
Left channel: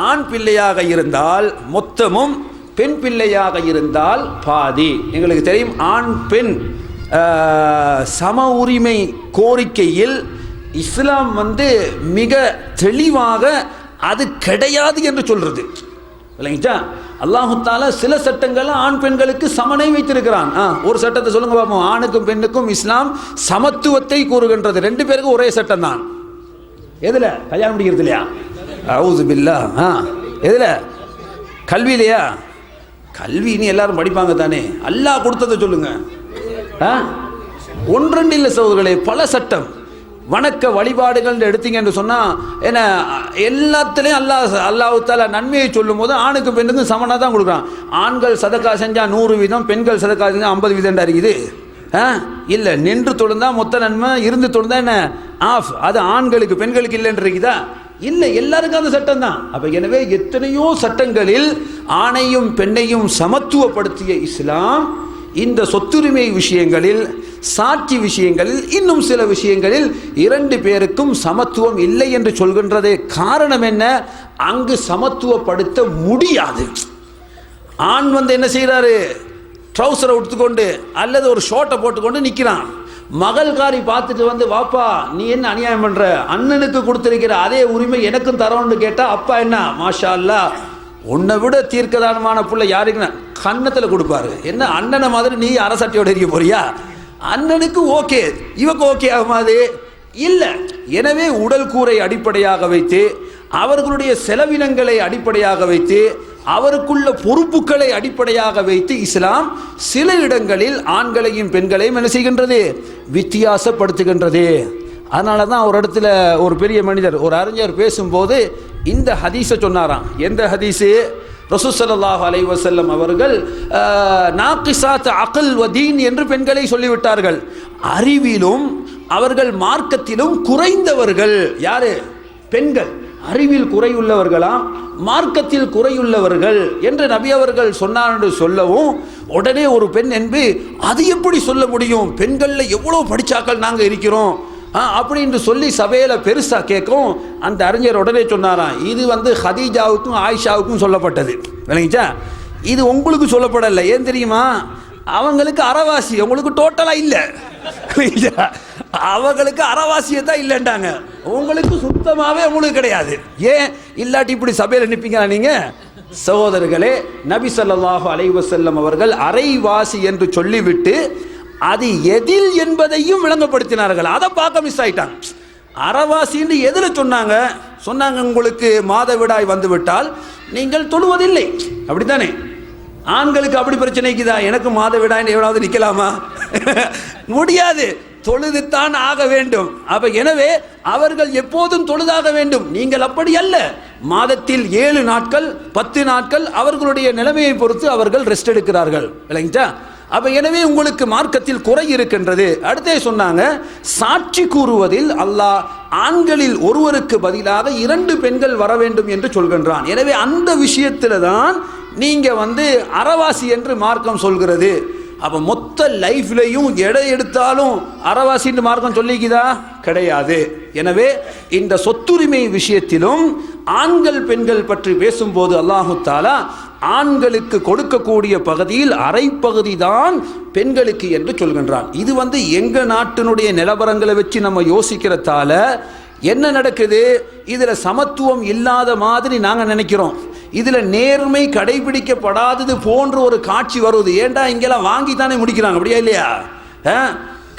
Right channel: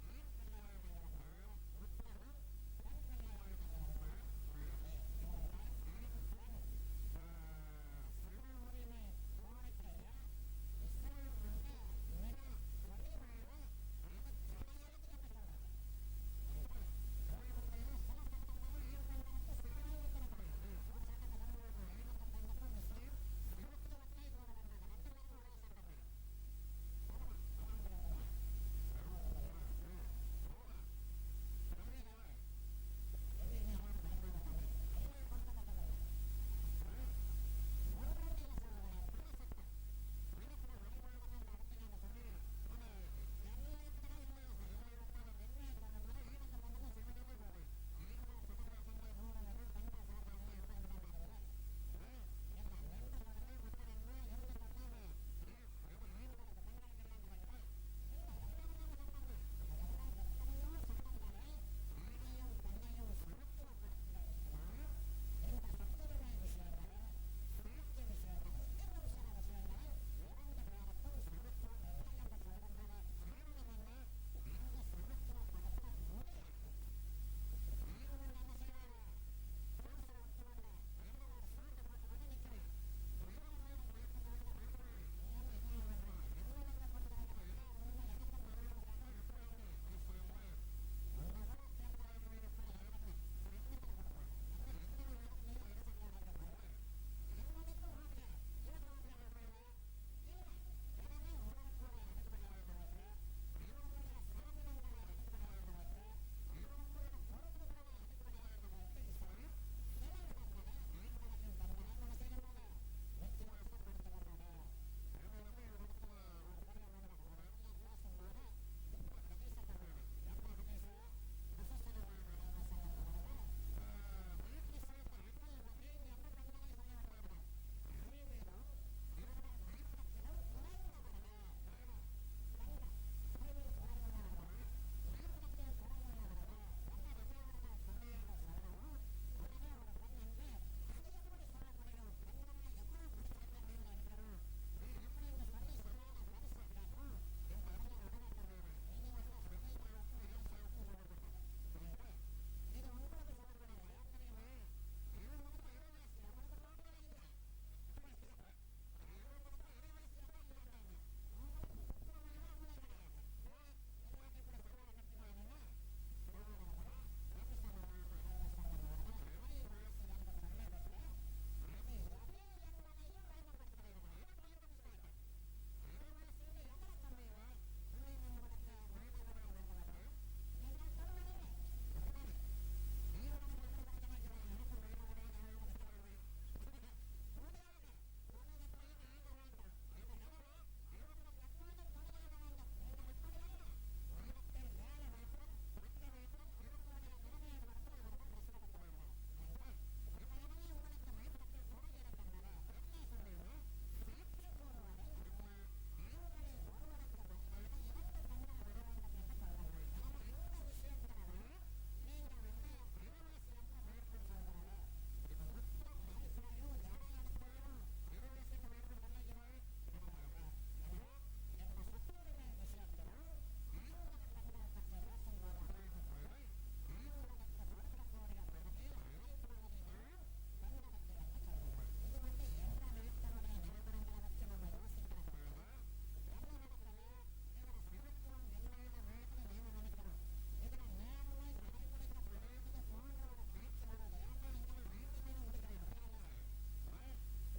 ஆண் பிள்ளையாக இருந்தால் மொத்தமும் பெண் பிள்ளையாக இருந்தால் பாதி. எங்களுக்கு தெரியும் ஆண் பெண் சம உரிமை கோரிக்கையில் இஸ்லாம் வந்து மிக தெளிவாக அது கிடையாது என்று சொல்கிறது இல்லைங்களா? அல்லாஹுத்தால சில சட்டங்கள்ல ஆண் பெண்களுக்கு சமனை வைத்திருக்கிறான். ஆ, ஒரு சட்டத்தை சொல்லுங்க பார்ப்போம் ஆணுக்கும் பெண்ணுக்கும் இஸ்லாம் சமத்துவத்தை கூறுகின்றது. ரெண்டு பேருக்கும் ஒரே சட்டம் தான். எதுல? கல்யாணம் முடிக்கிறது இல்லையா? அவுது பில்லா. ஆ எதுல? கல்வியிலையா? இல்லையா கல்வின்னு எல்லாரும் படிப்பாங்க தானே. அல்லாஹ் கொடுத்ததை சொல்லுங்க. ஆ ஒன்றெண்டு இல்லை சோதர்களே பல சட்டம். வணக்க வழிபாடுகள் எடுத்தீங்க என்று சொன்னால் என்ன எல்லாத்துலேயும் அல்லாஹ் அல்லாஹால நன்மையை சொல்லும் போது ஆணுக்கும் பெண்ணுக்கும் சமனாக தான் கொடுக்குறான். ஆண்கள் சதக்கா செஞ்சால் நூறு வீதம் பெண்கள் சதக்கா செஞ்சால் ஐம்பது வீதம் இருக்குது. ஆ? இல்லை நின்று தொழுந்தா மொத்த நன்மை இருந்து தொழுந்தா என்ன? ஆஃப். அது ஆண்களுக்கு பெண்களுக்கு இல்லைன்னு இல்லை எல்லாருக்கும் அந்த சட்டம் தான். அப்போ எனவே எத்தனையோ சட்டங்களில் ஆணையும் பெண்ணையும் சமத்துவப்படுத்திய இஸ்லாம் இந்த சொத்துரிமை விஷயங்களில் சாட்சி விஷயங்களில் இன்னும் சில விஷயங்களில் இரண்டு பேருக்கும் சமத்துவம் இல்லை என்று சொல்கின்றதே காரணம் என்ன? அங்கு சமத்துவப்படுத்த முடியாது. ஆண் வந்து என்ன செய்கிறாரு? ட்ரௌசரை உடுத்துக்கொண்டு அல்லது ஒரு ஷோட்டை போட்டுக்கொண்டு நிற்கிறான். மகள்காரி பார்த்துட்டு வந்து வாப்பா நீ என்ன அநியாயம் பண்ணுற அண்ணனுக்கு கொடுத்துருக்கிற அதே உரிமை எனக்கும் தரோன்னு கேட்டால் அப்பா என்ன? மாஷா அல்லாஹ் உன்னை விட தீர்க்கதானமான பிள்ளை யாருக்குன்னா கன்னத்தில் கொடுப்பாரு. என்ன அண்ணனை மாதிரி நீ அரசட்டையோடு இருக்க போறியா? அண்ணனுக்கு ஓகே. இவக்கு ஓகே ஆகுமாது? இல்லை. எனவே உடல் கூரை அடிப்படையாக வைத்து அவர்களுடைய செலவினங்களை அடிப்படையாக வைத்து அவருக்குள்ள பொறுப்புகளை அடிப்படையாக வைத்து இஸ்லாம் சில இடங்களில் ஆண்களையும் பெண்களையும் என்ன செய்கின்றது? வித்தியாசப்படுத்துகின்றது. அதனால தான் ஒரு இடத்துல ஒரு பெரிய மனிதர் ஒரு அறிஞர் பேசும்போது இந்த ஹதீஸை சொன்னாராம். எந்த ஹதீஸு? ரசூசல்லாஹ் அலை வசல்லம் அவர்கள் நாக்கிசாத் அகல் வதீன் என்று பெண்களை சொல்லிவிட்டார்கள். அறிவிலும் அவர்கள் மார்க்கத்திலும் குறைந்தவர்கள் யாரு? பெண்கள். அறிவில் குறையுள்ளவர்களாம் மார்க்கத்தில் குறையுள்ளவர்கள் என்று நபி அவர்கள் சொன்னார் என்று சொல்லவும் உடனே ஒரு பெண் என்பது அது எப்படி சொல்ல முடியும்? பெண்களில் எவ்வளோ படித்தாக்கள் நாங்கள் இருக்கிறோம்? அப்படின்னு சொல்லி சபையில் பெருசாக கேட்கும் அந்த அறிஞர் உடனே சொன்னாராம் இது வந்து ஹதீஜாவுக்கும் ஆயிஷாவுக்கும் சொல்லப்பட்டது. விளங்கிச்சா? இது உங்களுக்கு சொல்லப்படலை. ஏன் தெரியுமா? அவங்களுக்கு அறவாசி உங்களுக்கு டோட்டலாக இல்லை. அவங்களுக்கு அறவாசியை தான் இல்லைன்றாங்க. உங்களுக்கு சுத்தமாகவே உங்களுக்கு கிடையாது. ஏன்? இல்லாட்டி இப்படி சபையில் நிற்பீங்களா நீங்கள் சகோதரர்களே நபி சொல்லாஹு அலைவசல்லம் அவர்கள் அரைவாசி என்று சொல்லிவிட்டு அது எதில் என்பதையும் விளங்கப்படுத்தினார்கள். அதை பார்க்க மிஸ் ஆயிட்டாங்க அறவாசின்னு எதில் சொன்னாங்க? சொன்னாங்க உங்களுக்கு மாதவிடாய் வந்துவிட்டால் நீங்கள் தொழுவதில்லை. அப்படித்தானே? ஆண்களுக்கு அப்படி பிரச்சனைக்குதா எனக்கு மாதவிடாய் எவ்வளவு நிற்கலாமா முடியாது. தொழுதுத்தான் ஆக வேண்டும். அப்ப எனவே அவர்கள் எப்போதும் தொழுதாக வேண்டும். நீங்கள் அப்படி அல்ல. மாதத்தில் ஏழு நாட்கள் பத்து நாட்கள் அவர்களுடைய நிலைமையை பொறுத்து அவர்கள் ரெஸ்ட் எடுக்கிறார்கள். இல்லைங்களா? அப்போ எனவே உங்களுக்கு மார்க்கத்தில் குறை இருக்கின்றது. அடுத்தே சொன்னாங்க சாட்சி கூறுவதில் அல்லாஹ் ஆண்களில் ஒருவருக்கு பதிலாக இரண்டு பெண்கள் வர வேண்டும் என்று சொல்கின்றான். எனவே அந்த விஷயத்தில் தான் நீங்கள் வந்து அறவாசி என்று மார்க்கம் சொல்கிறது. அப்போ மொத்த லைஃப்லையும் எடை எடுத்தாலும் அறவாசின்னு மார்க்கம் சொல்லிக்குதா? கிடையாது. எனவே இந்த சொத்துரிமை விஷயத்திலும் ஆண்கள் பெண்கள் பற்றி பேசும்போது அல்லாஹு தாலா ஆண்களுக்கு கொடுக்கக்கூடிய பகுதியில் அரை பகுதி தான் பெண்களுக்கு என்று சொல்கின்றான். இது வந்து எங்க நாட்டினுடைய நிலவரங்களை வச்சு நம்ம யோசிக்கிறதால என்ன நடக்குது? இதில் சமத்துவம் இல்லாத மாதிரி நாங்கள் நினைக்கிறோம். இதில் நேர்மை கடைபிடிக்கப்படாதது போன்ற ஒரு காட்சி வருது. ஏன்டா இங்கெல்லாம் வாங்கி தானே முடிக்கிறாங்க? அப்படியா இல்லையா? ஆ?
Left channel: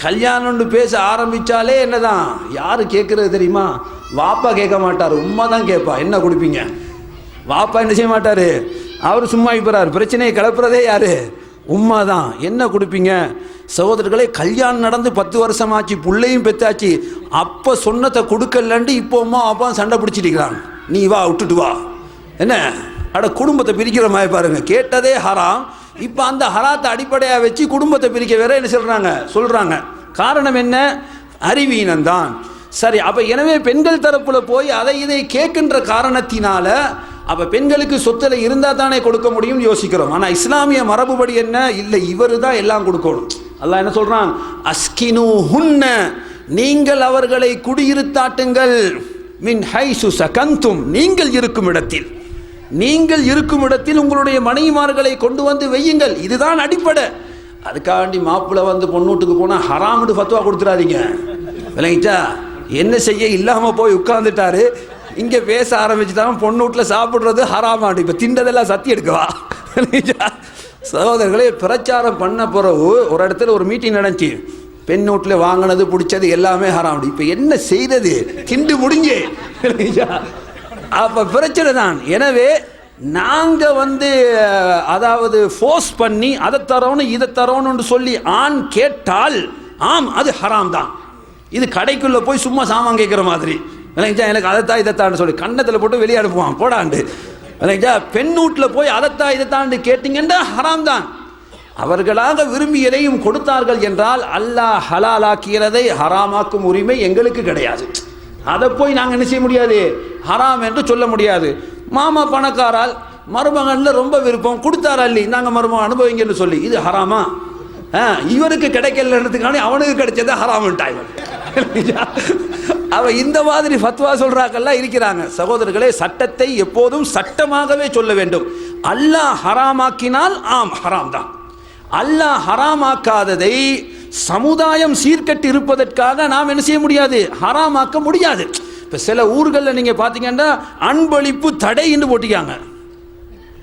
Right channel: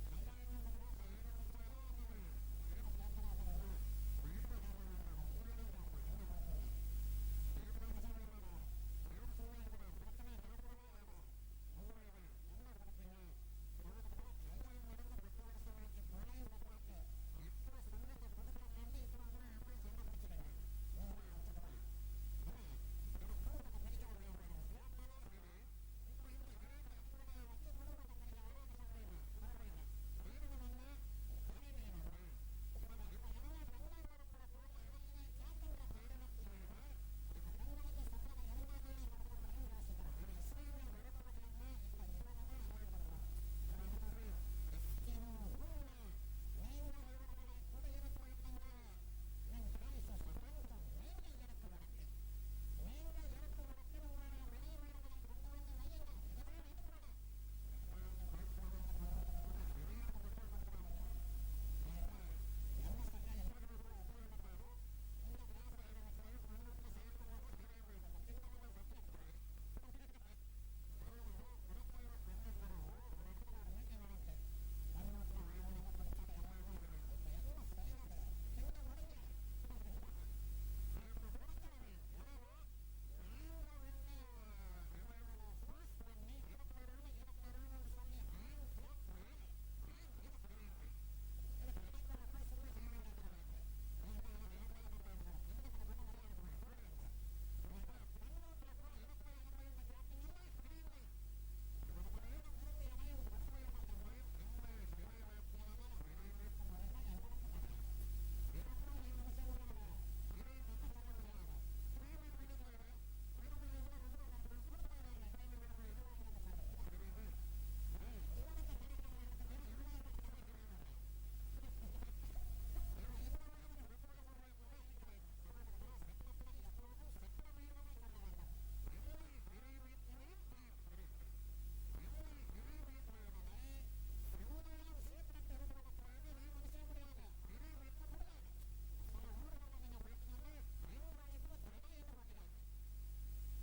கல்யாணம்னு பேச ஆரம்பிச்சாலே என்னதான்? யார் கேட்குறது தெரியுமா? வாப்பா கேட்க மாட்டார். உமா தான் கேட்பா. என்ன கொடுப்பீங்க? வாப்பா என்ன செய்ய மாட்டார்? அவர் சும்மா இப்பறார் பிரச்சனையை கிளப்புறதே யாரு? உம்மா தான் என்ன கொடுப்பீங்க? சகோதரர்களே கல்யாணம் நடந்து பத்து வருஷம் ஆச்சு புள்ளையும் பெத்தாச்சு. அப்போ சொன்னதை கொடுக்கலன்ட்டு இப்போ அம்மா அப்பா சண்டை பிடிச்சிட்டிருக்கிறாங்க. நீ வா விட்டுட்டு வா. என்ன? அட குடும்பத்தை பிரிக்கிற மாதிரி பாருங்க. கேட்டதே ஹராம். இப்போ அந்த ஹராத்தை அடிப்படையாக வச்சு குடும்பத்தை பிரிக்க வேற என்ன சொல்கிறாங்க சொல்கிறாங்க காரணம் என்ன? அறிவீனம்தான். சரி அப்போ எனவே பெண்கள் தரப்பில் போய் அதை இதை கேட்கின்ற காரணத்தினால அப்போ பெண்களுக்கு சொத்தில் இருந்தால் தானே கொடுக்க முடியும்னு யோசிக்கிறோம். ஆனால் இஸ்லாமிய மரபுபடி என்ன? இல்லை இவரு தான் எல்லாம் கொடுக்கணும். அல்லாஹ் என்ன சொல்கிறான் அஸ்கினு ஹுன்ன நீங்கள் அவர்களை குடியிருத்தாட்டுங்கள். மின் ஹைசு சகந்தும் நீங்கள் இருக்கும் இடத்தில். நீங்கள் இருக்கும் இடத்தில் உங்களுடைய மனைவிமார்களை கொண்டு வந்து வையுங்கள். இதுதான் அடிப்படை. அதுக்காண்டி மாப்பிள்ளை வந்து பொண்ணூட்டுக்கு போனால் ஹராமுடு ஃபத்துவா கொடுத்துறாதீங்க. விளங்கிட்டா என்ன செய்ய? இல்லாமல் போய் உட்கார்ந்துட்டாரு. இங்கே பேச ஆரம்பிச்சு தான் பொண்ணு வீட்டில் சாப்பிட்றது ஹராமாண்டு இப்போ திண்டதெல்லாம் சத்தி எடுக்கவா? சகோதரர்களே பிரச்சாரம் பண்ண பிறகு ஒரு இடத்துல ஒரு மீட்டிங் நடந்துச்சு. பெண் வீட்டில் வாங்கினது பிடிச்சது எல்லாமே ஹராம் இப்போ என்ன செய்தது? திண்டு முடிஞ்சு. அப்போ பிரச்சனை தான். எனவே நாங்கள் வந்து அதாவது ஃபோர்ஸ் பண்ணி அதை தரோன்னு இதை தரோன்னு சொல்லி ஆண் கேட்டால் ஆம் அது ஹராம் தான். இது கடைக்குள்ளே போய் சும்மா சாமான் கேட்குற மாதிரி. விளங்கிச்சா எனக்கு அதைத்தான் இதைத்தான் சொல்லி கண்ணத்தில் போட்டு வெளியே அனுப்புவான் போடாண்டு விளங்கிச்சா பெண் வீட்டில் போய் அதைத்தான் இதைத்தாண்டு கேட்டீங்கன்னா ஹராம் தான் அவர்களாக விரும்பி எதையும் கொடுத்தார்கள் என்றால் அல்லாஹ் ஹலாலாக்கிறதை ஹராமாக்கும் உரிமை எங்களுக்கு கிடையாது. அதை போய் நாங்கள் என்ன செய்ய முடியாது? ஹராம் என்று சொல்ல முடியாது. மாமா பணக்காரால் மருமகனில் ரொம்ப விருப்பம். கொடுத்தாரா இல்லை நாங்கள் மருமகன் அனுபவிங்கன்னு சொல்லி. இது ஹராமா? ஆ, இவருக்கு கிடைக்கலன்றதுக்கான அவனுக்கு கிடைச்சதை ஹராமன்ட்டாய் அவ இந்த மாதிரி ஃபத்வா சொல்றாக்கெல்லாம் இருக்கிறாங்க. சகோதரர்களே சட்டத்தை எப்போதும் சட்டமாகவே சொல்ல வேண்டும். அல்லாஹ் ஹராமாக்கினால் ஆம் ஹராம் தான். அல்லாஹ் ஹராமாக்காததை சமுதாயம் சீர்கட்டி இருப்பதற்காக நாம் என்ன செய்ய முடியாது? ஹராமாக்க முடியாது. இப்போ சில ஊர்களில் நீங்கள் பார்த்தீங்கன்னா அன்பளிப்பு தடைன்னு போட்டிக்காங்க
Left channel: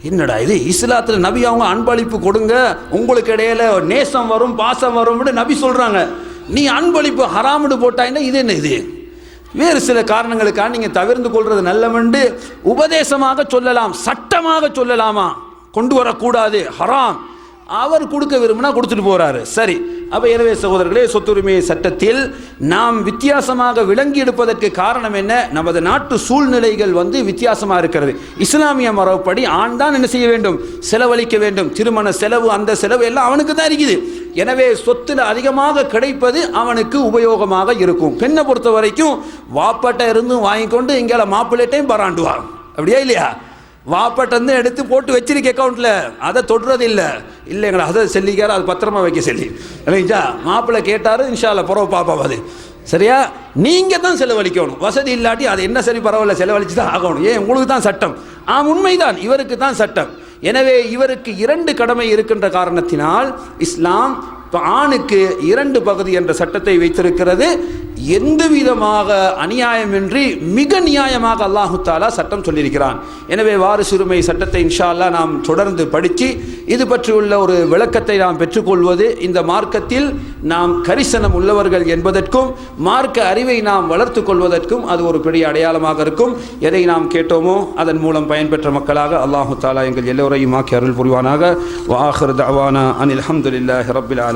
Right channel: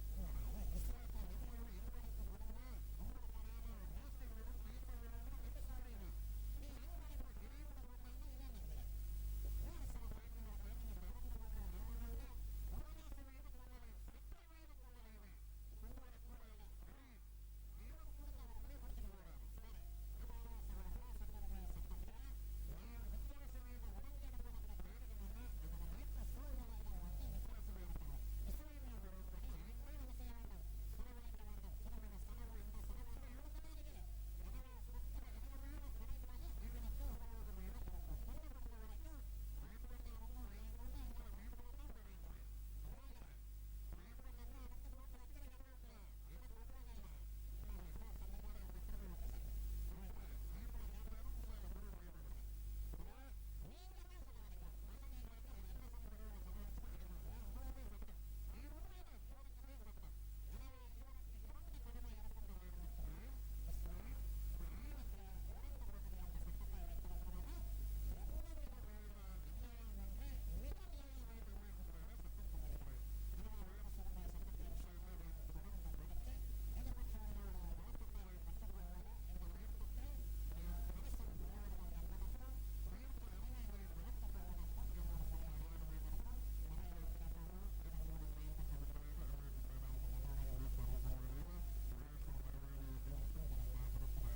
என்னடா இது? இஸ்லாத்தில் நபி அவங்க அன்பளிப்பு கொடுங்க உங்களுக்கு இடையில நேசம் வரும் பாசம் வரும்னு நபி சொல்கிறாங்க நீ அன்பளிப்பு ஹராம்னு போட்டாங்கன்னா இது என்ன இது? வேறு சில காரணங்களுக்காக நீங்கள் தவிர்ந்து கொள்வது நல்லவென்று உபதேசமாக சொல்லலாம் சட்டமாக சொல்லலாமா? கொண்டு வரக்கூடாது ஹராம். அவர் கொடுக்க விரும்பினா கொடுத்துட்டு போறாரு. சரி. அப்ப எனவே சகோதரர்களே சொத்துரிமை சட்டத்தில் நாம் வித்தியாசமாக விளங்கி எடுப்பதற்கு காரணம் என்ன? நமது நாட்டு சூழ்நிலைகள் வந்து வித்தியாசமாக இருக்கிறது. இஸ்லாமிய மரபுப்படி ஆண் தான் என்ன செய்ய வேண்டும்? செலவழிக்க வேண்டும். திருமண செலவு அந்த செலவு எல்லாம் அவனுக்கு தான் இருக்குது. எனவே சொத்துல அதிகமாக கிடைப்பது அவனுக்கு உபயோகமாக இருக்கும். பெண்ணை பொறுத்த வரைக்கும் வாப்பாட்ட இருந்தும் வாங்கிக்கொண்டு இங்கே மாப்பிள்ளைட்டையும் பராண்டுவார் அப்படியா இல்லையா? வாப்பட்டந்து எடுத்து போட்டு வச்சிருக்க அக்கௌண்ட்டில் அதை தொடுறது இல்லை இல்லைங்களா அதை செல்லிக்கார அது பத்திரமா வைக்க சொல்லி. இல்லைங்களா? மாப்பிள்ளை கேட்டார் இன்ஷால்ல புறவு பாப்பா அது. சரியா? நீங்கள் தான் செலவழிக்கணும். வசதி இல்லாட்டி அது என்ன சரி பரவாயில்ல செலவழிச்சு தான் ஆகணும். ஏன்? உங்களுக்கு தான் சட்டம். ஆ உண்மைதான். இவருக்கு தான் சட்டம். எனவே இவருக்கு இரண்டு கடமை இருக்கின்ற காரணத்தினால் இஸ்லாம் இப்போ ஆணுக்கு இரண்டு பகுதி என்ற சட்டத்தை வைத்திருக்கிறது. எந்த விதமாக அநியாயமின்றி மிக நியாயமாக அல்லாஹு தாலா சட்டம் சொல்லியிருக்கிறான். எனவே வாரிசுரிமை சட்டத்தை இன்ஷா நாம் தொடர்ந்து படித்து இது பற்றியுள்ள ஒரு விளக்கத்தை நாம் பெற்றுக்கொள்வது இந்த மார்க்கத்தில் நாம் கரிசனம் உள்ளவர்கள் என்பதற்கும் மார்க்க அறிவை நாம் வளர்த்து கொள்வதற்கும் அது ஒரு பெரிய அடையாளமாக இருக்கும். எதை நாம் கேட்டோமோ அதன் மூலம் பயன்பெற்ற மக்களாக அல்லாஹு தாலா எங்கள் எல்லோரையும் ஆக்கி அருள் புரிவானாக. வாஹர் தவானா அனில் அஹமதுல்லாஹி ரபில்